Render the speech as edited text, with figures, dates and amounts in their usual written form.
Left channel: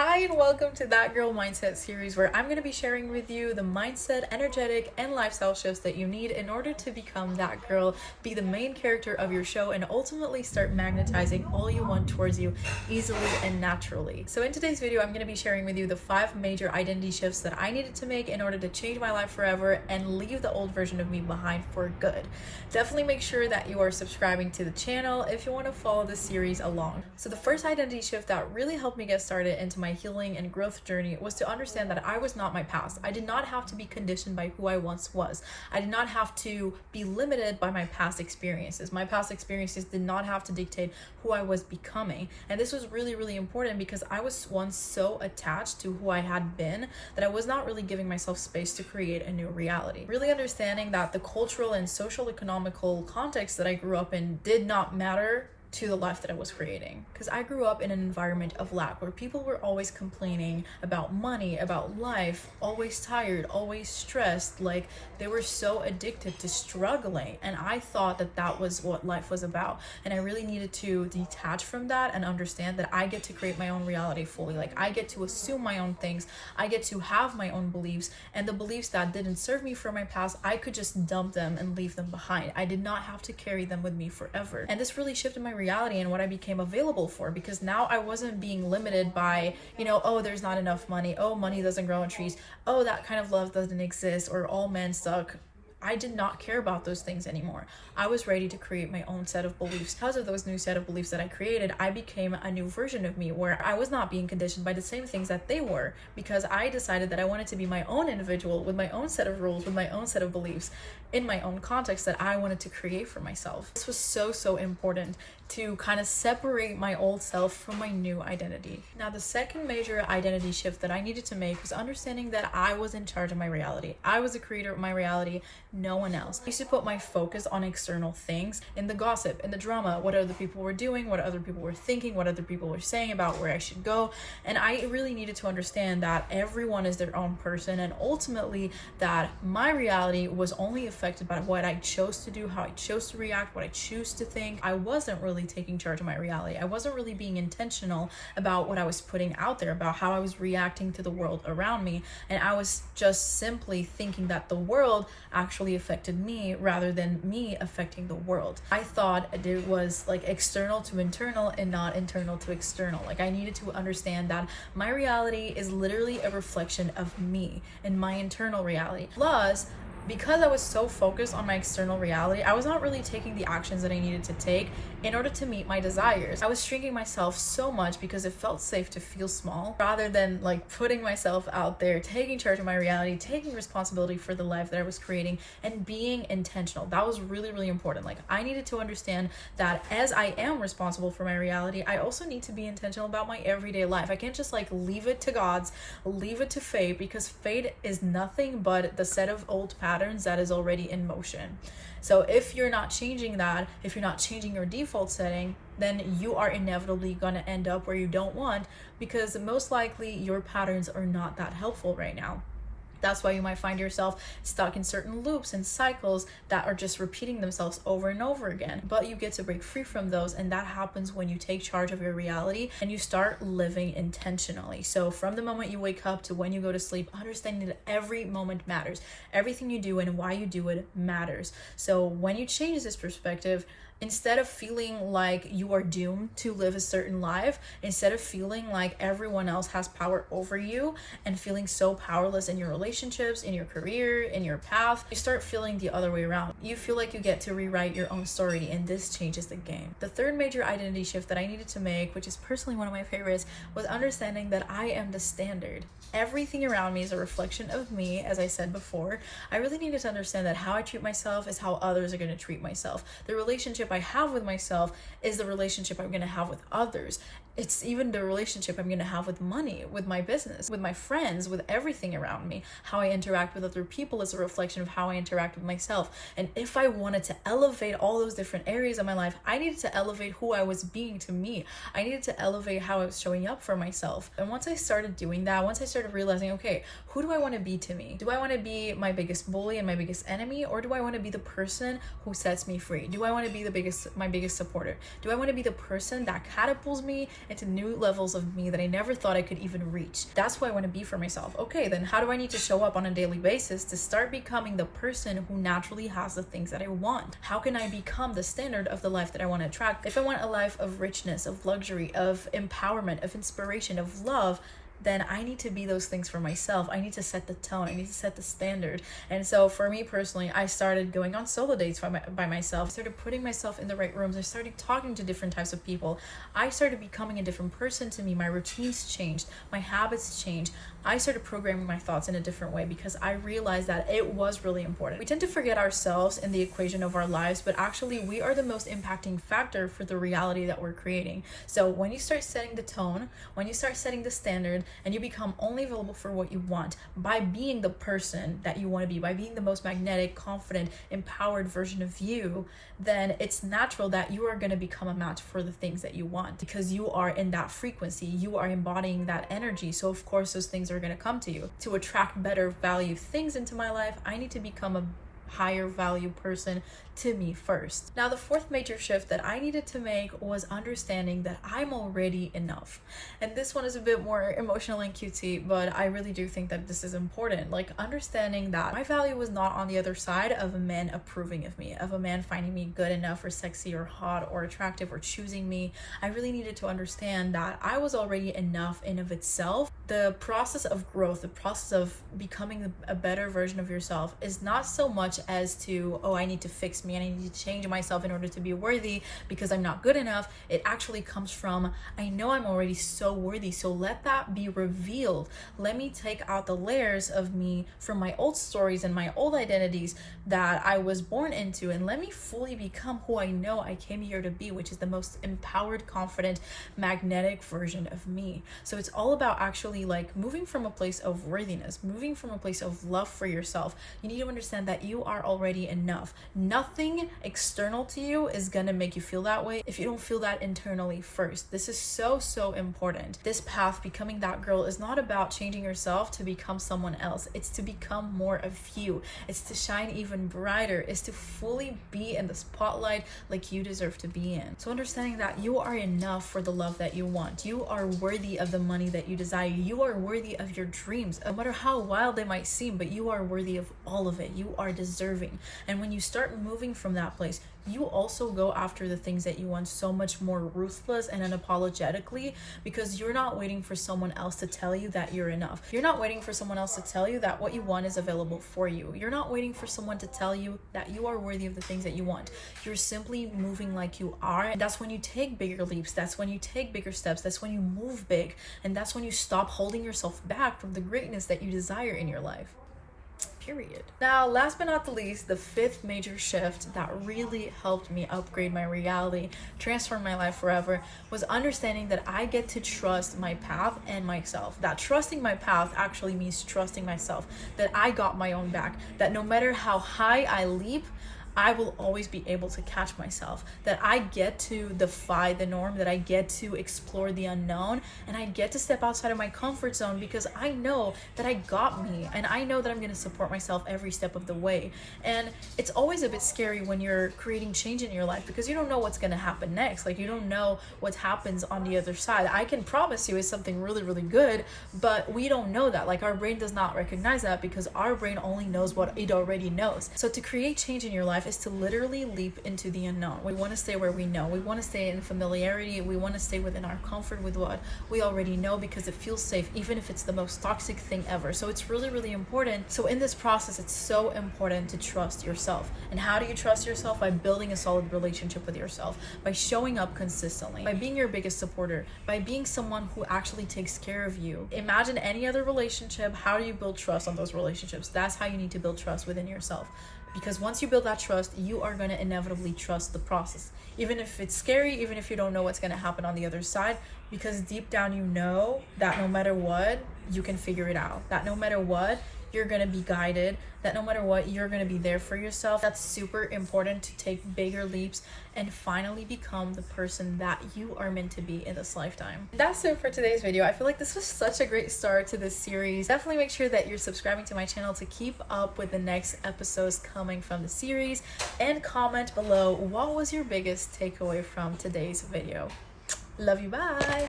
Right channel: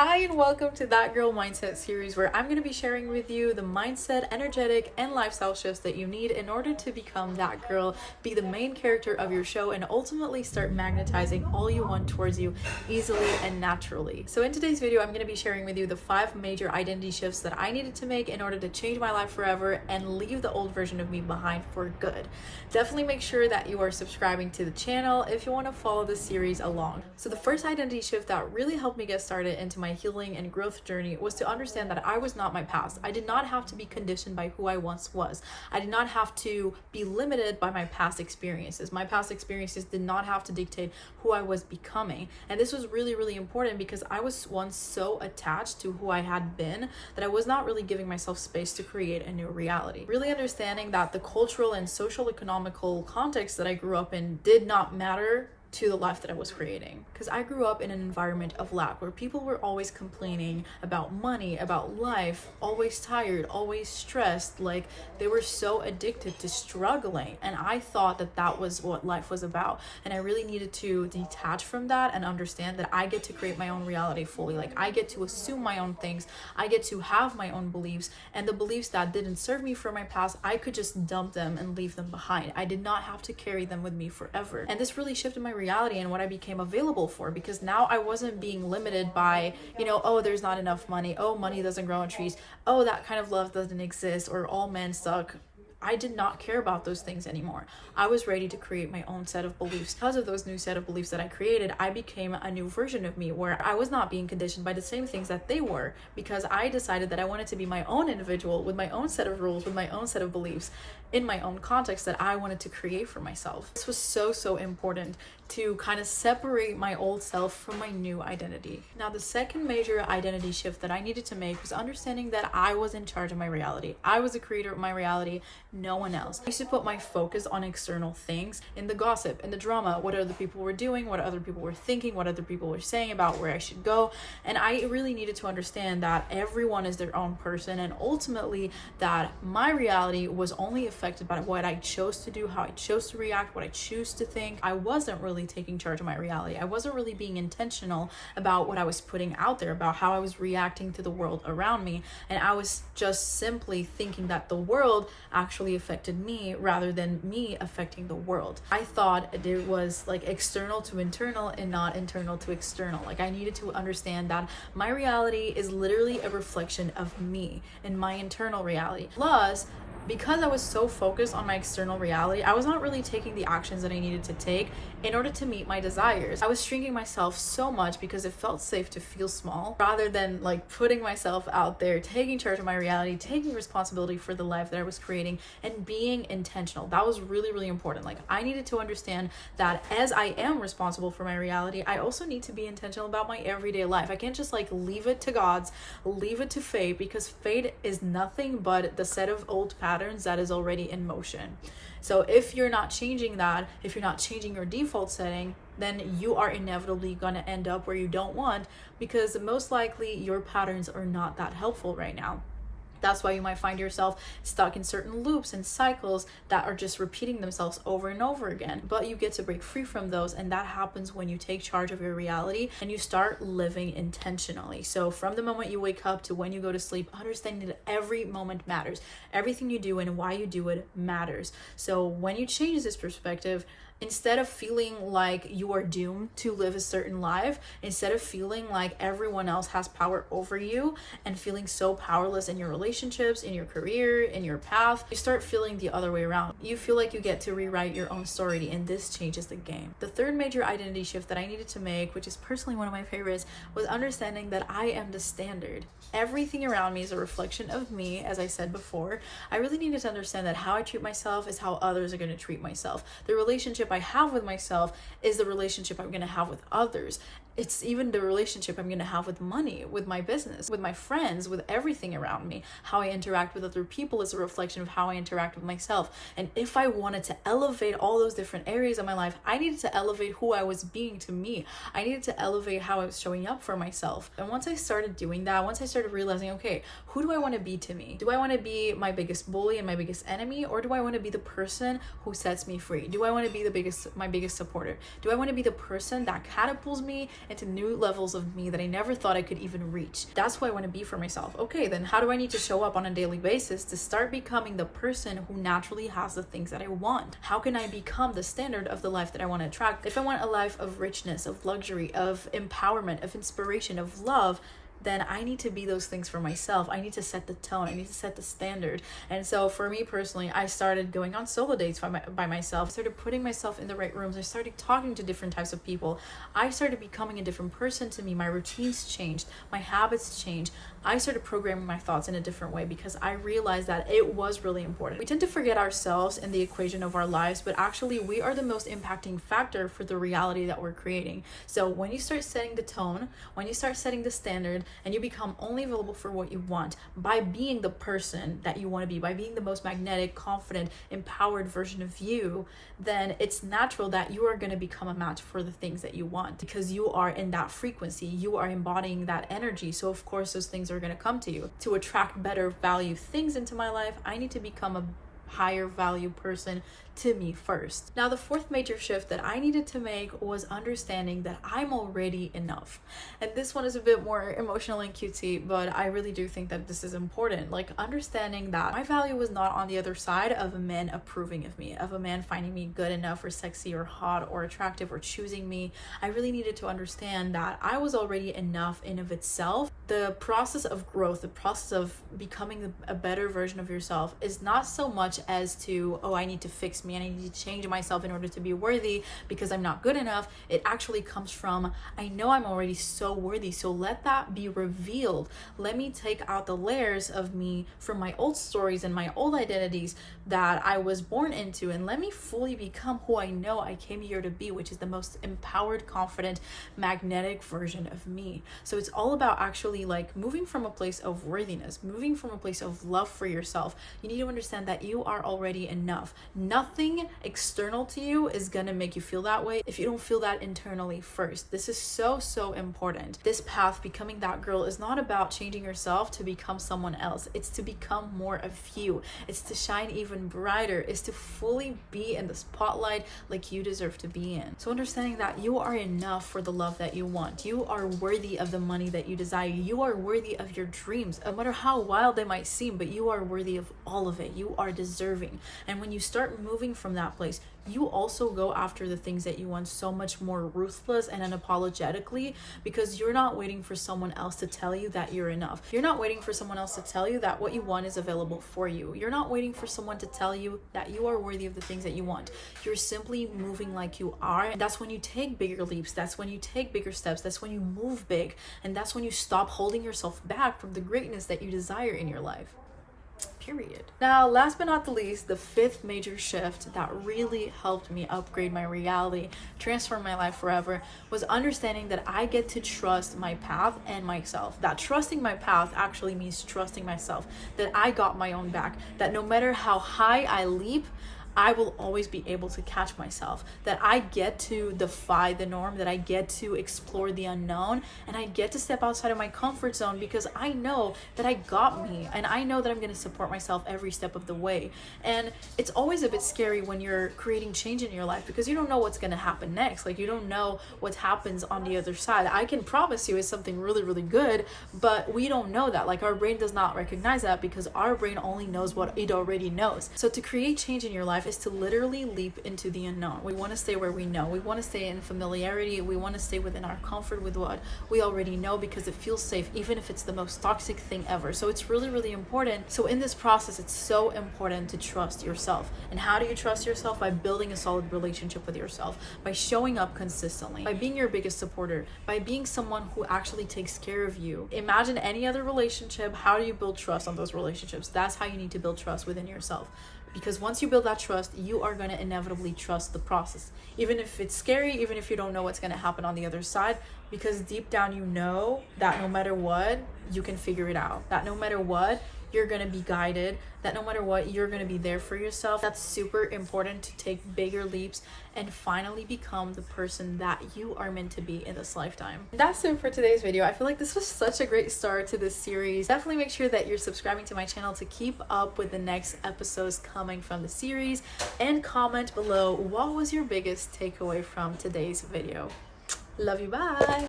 Hi, and welcome to That Girl Mindset series, where I'm going to be sharing with you the mindset, energetic, and lifestyle shifts that you need in order to become that girl, be the main character of your show, and ultimately start magnetizing all you want towards you easily and naturally. So in today's video, I'm going to be sharing with you the 5 major identity shifts that I needed to make in order to change my life forever and leave the old version of me behind for good. Definitely make sure that you are subscribing to the channel if you want to follow this series along. So the first identity shift that really helped me get started into my healing and growth journey was to understand that I was not my past. I did not have to be conditioned by who I once was. I did not have to be limited by my past experiences. My past experiences did not have to dictate who I was becoming. And this was really, really important because I was once so attached to who I had been that I was not really giving myself space to create a new reality. Really understanding that the cultural and social economical context that I grew up in did not matter to the life that I was creating. Because I grew up in an environment of lack where people were always complaining about money, about life, always tired, always stressed, like they were so addicted to struggling. And I thought that that was what life was about. And I really needed to detach from that and understand that I get to create my own reality fully. Like I get to assume my own things. I get to have my own beliefs, and the beliefs that didn't serve me from my past, I could just dump them and leave them behind. I did not have to carry them with me forever. And this really shifted my reality and what I became available for, because now I wasn't being limited by, oh, there's not enough money, oh, money doesn't grow on trees, oh, that kind of love doesn't exist, or all men suck. I did not care about those things anymore. I was ready to create my own set of beliefs. Because of those new set of beliefs that I created, I became a new version of me where I was not being conditioned by the same things that they were, because I decided that I wanted to be my own individual with my own set of rules, with my own set of beliefs, in my own context that I wanted to create for myself. This was so important to kind of separate my old self from my new identity. Now, the second major identity shift that I needed to make was understanding that I was in charge of my reality. I was the creator of my reality, no one else. I used to put my focus on external things, in the gossip, in the drama, what other people were doing, what other people were thinking, what other people were saying about where I should go. And I really needed to understand that everyone is their own person, and ultimately that my reality was only affected by what I chose to do, how I chose to react, what I choose to think. I wasn't really taking charge of my reality. I wasn't really being intentional about what I was putting out there, about how I was reacting to the world around me. And I was just simply thinking that the world actually affected me rather than me affecting the world. I thought it was like external to internal and not internal to external. Like I needed to understand that my reality is literally a reflection of me and my internal reality. Plus, because I was so focused on my external reality, I was not really taking the actions that I needed to take in order to meet my desires. I was shrinking myself so much because it felt safe to feel small rather than like putting myself out there, taking charge of my reality, taking responsibility for the life that I was creating, and being intentional. That was really important. Like I needed to understand that as I am responsible for my reality, I also need to be intentional about my everyday life. I can't just like leave it to gods, leave it to fate, because fate is nothing but the set of old patterns that is already in motion. So if you're not changing that, if you're not changing your default setting, then you are inevitably going to end up where you don't want, because most likely your patterns are not that helpful right now. That's why you might find yourself stuck in certain loops and cycles that are just repeating themselves over and over again. But you get to break free from those, and that happens when you take charge of your reality and you start living intentionally. So from the moment you wake up to when you go to sleep, understanding that every moment matters. Everything you do and why you do it matters. So when you change this perspective, instead of feeling like you are doomed to live a certain life, instead of feeling like everyone else has power over you and feeling so powerless in your relationships, in your career, in your path, you start feeling the other way around. You feel like you get to rewrite your own story, and this changes the game. The third major identity shift that I needed to make, which is personally one of my favorites, was understanding that I am the standard. Everything around me is a reflection of me, as I said before. I really needed to understand that how I treat myself is how others are going to treat myself. The relationship I have with myself is the relationship I'm going to have with others. It's even the relationship I'm going to have with money, with my business, with my friends, with everything around me. How I interact with other people is a reflection of how I interact with myself. And if I wanted to elevate all those different areas of my life, I needed to elevate who I was being to me. I needed to elevate how I was showing up for myself. And once I started doing that, once I started realizing, okay, who do I want to be to me? Do I want to be my biggest bully and my biggest enemy? Or do I want to be the person who sets me free? Do I want to be my biggest supporter? Do I want to be the person that catapults me into new levels of me that I never thought I could even reach. That's who I want to be for myself. Okay, then how do I need to show up on a daily basis to start becoming the person who naturally has the things that I want? How can I become the standard of the life that I want to attract? If I want a life of richness, of luxury, of empowerment, of inspiration, of love, then I need to be those things for myself. I need to set the tone. I need to set the standard. And so for me personally, I started going on solo dates by myself. I started putting myself in the right rooms. I started talking to different types of people. I started becoming a different person to me. My routines changed. My habits changed. I started programming my thoughts in a different way because I realized that it was really important. We tend to forget ourselves in the equation of our lives, but actually we are the most impacting factor for the reality that we're creating. So when you start setting the tone, when you start setting the standard, and you become only available for what you want by being the person that you want to be, by being the most magnetic, confident, empowered version of you, then it's natural that you are going to become a match for the things that you want because you are in that frequency. You are embodying that energy. So of course those things are going to come to you. To attract better value things into my life, I need to become a higher value person to me first. Now, the fourth major shift that I needed to make was understanding that I'm already enough. And this one is a bit more emotional and cutesy, but I really do think that this is important. Like understanding that my value was not on the other side of a man approving of me, of a man finding me good enough or sexy or hot or attractive or choosing me. I really needed to understand that I was already enough in of itself. The process of growth, the process of becoming a better version of yourself is not so much as to, oh, I need to fix me and I need to change myself in order to be worthy because I'm not good enough. It actually comes from, I know I'm already so worthy, so let that be revealed. Let me take out the layers of me from my old stories and my old identities that I was born into, and let me fully become who I know I came here to be, which is the most empowered, confident, magnetic version of me. So it's all about actually like moving from a place of worthiness, moving from a place of love for yourself. You need to understand that you are already enough. Nothing external to you is gonna make you feel that way if you don't feel that internally first. This is so important. This path, becoming that girl, is not about changing yourself to become someone else. It's to become more of you. It's to shine even brighter. It's to fully be in the spotlight like you deserve to be in. So understanding that you are enough for the love that you want. You are worthy of the money that you desire. You are worthy of your dreams, no matter how wild they might seem, but you are worthy of all of it. You are deserving. And when you start moving from that place, you also go after the things that you want so much more ruthless and unapologetically, because you're not waiting for someone else to tell you that you're enough. You're not waiting for someone else to tell you that what you want is available for you. You're not waiting for someone to tell you that you are worthy of the things that you want. You're simply moving like you are. And that's when you take bigger leaps. That's when you take bigger steps. That's when you move big. And that's when you stop holding yourself back from the greatness that you desire in your life. Period. Now, last but not the least, the fifth major shift that really helped me upgrade my reality, transform my life forever, was understanding that I get to trust my path and myself. That trusting my path actually means trusting myself, that I got my own back, that no matter how high I leap, I will always be able to catch myself, that I get to defy the norm, that I get to explore the unknown, and I get to step outside of my comfort zone because I know that I got me, and I know that I'm going to support myself every step of the way. And it's always a bit scary when you're creating change in your life because you don't know what's going to happen next. Like, you don't know what happens on the other side. I can promise you it's something really good, but we don't know that. Like, our brain does not recognize that because our brain only knows what it already knows. So to create change in your life is to literally leap into the unknown. We want to stay where we know. We want to stay in familiarity. We want to stay within our comfort with what we already know because it feels safe, even if it's the most toxic thing ever. So it's really important. So in this process, it's so important to trust yourself. And how do you trust yourself? By building a solid relationship with yourself, by showing up consistently, by being your biggest supporter, by being someone who actually takes care of you. Imagine any other relationship. How do you build trust on those relationships? That's how you need to build trust within yourself. Because once you build that trust, you are going to inevitably trust the process. Even if it's scary, even if you don't know what's going to happen on the other side, because deep down you know that no matter what, you can figure it out. That no matter what, you're going to be guided. That no matter what, you're going to be there for yourself. That's super important to take bigger leaps and finally become the person that you are meant to be in this lifetime. That's it for today's video. I feel like this was such a great start to this series. Definitely make sure that you're subscribing to my channel to keep up with the next episodes coming from the series, and comment below what was your biggest takeaway from today's video. Love you, bye!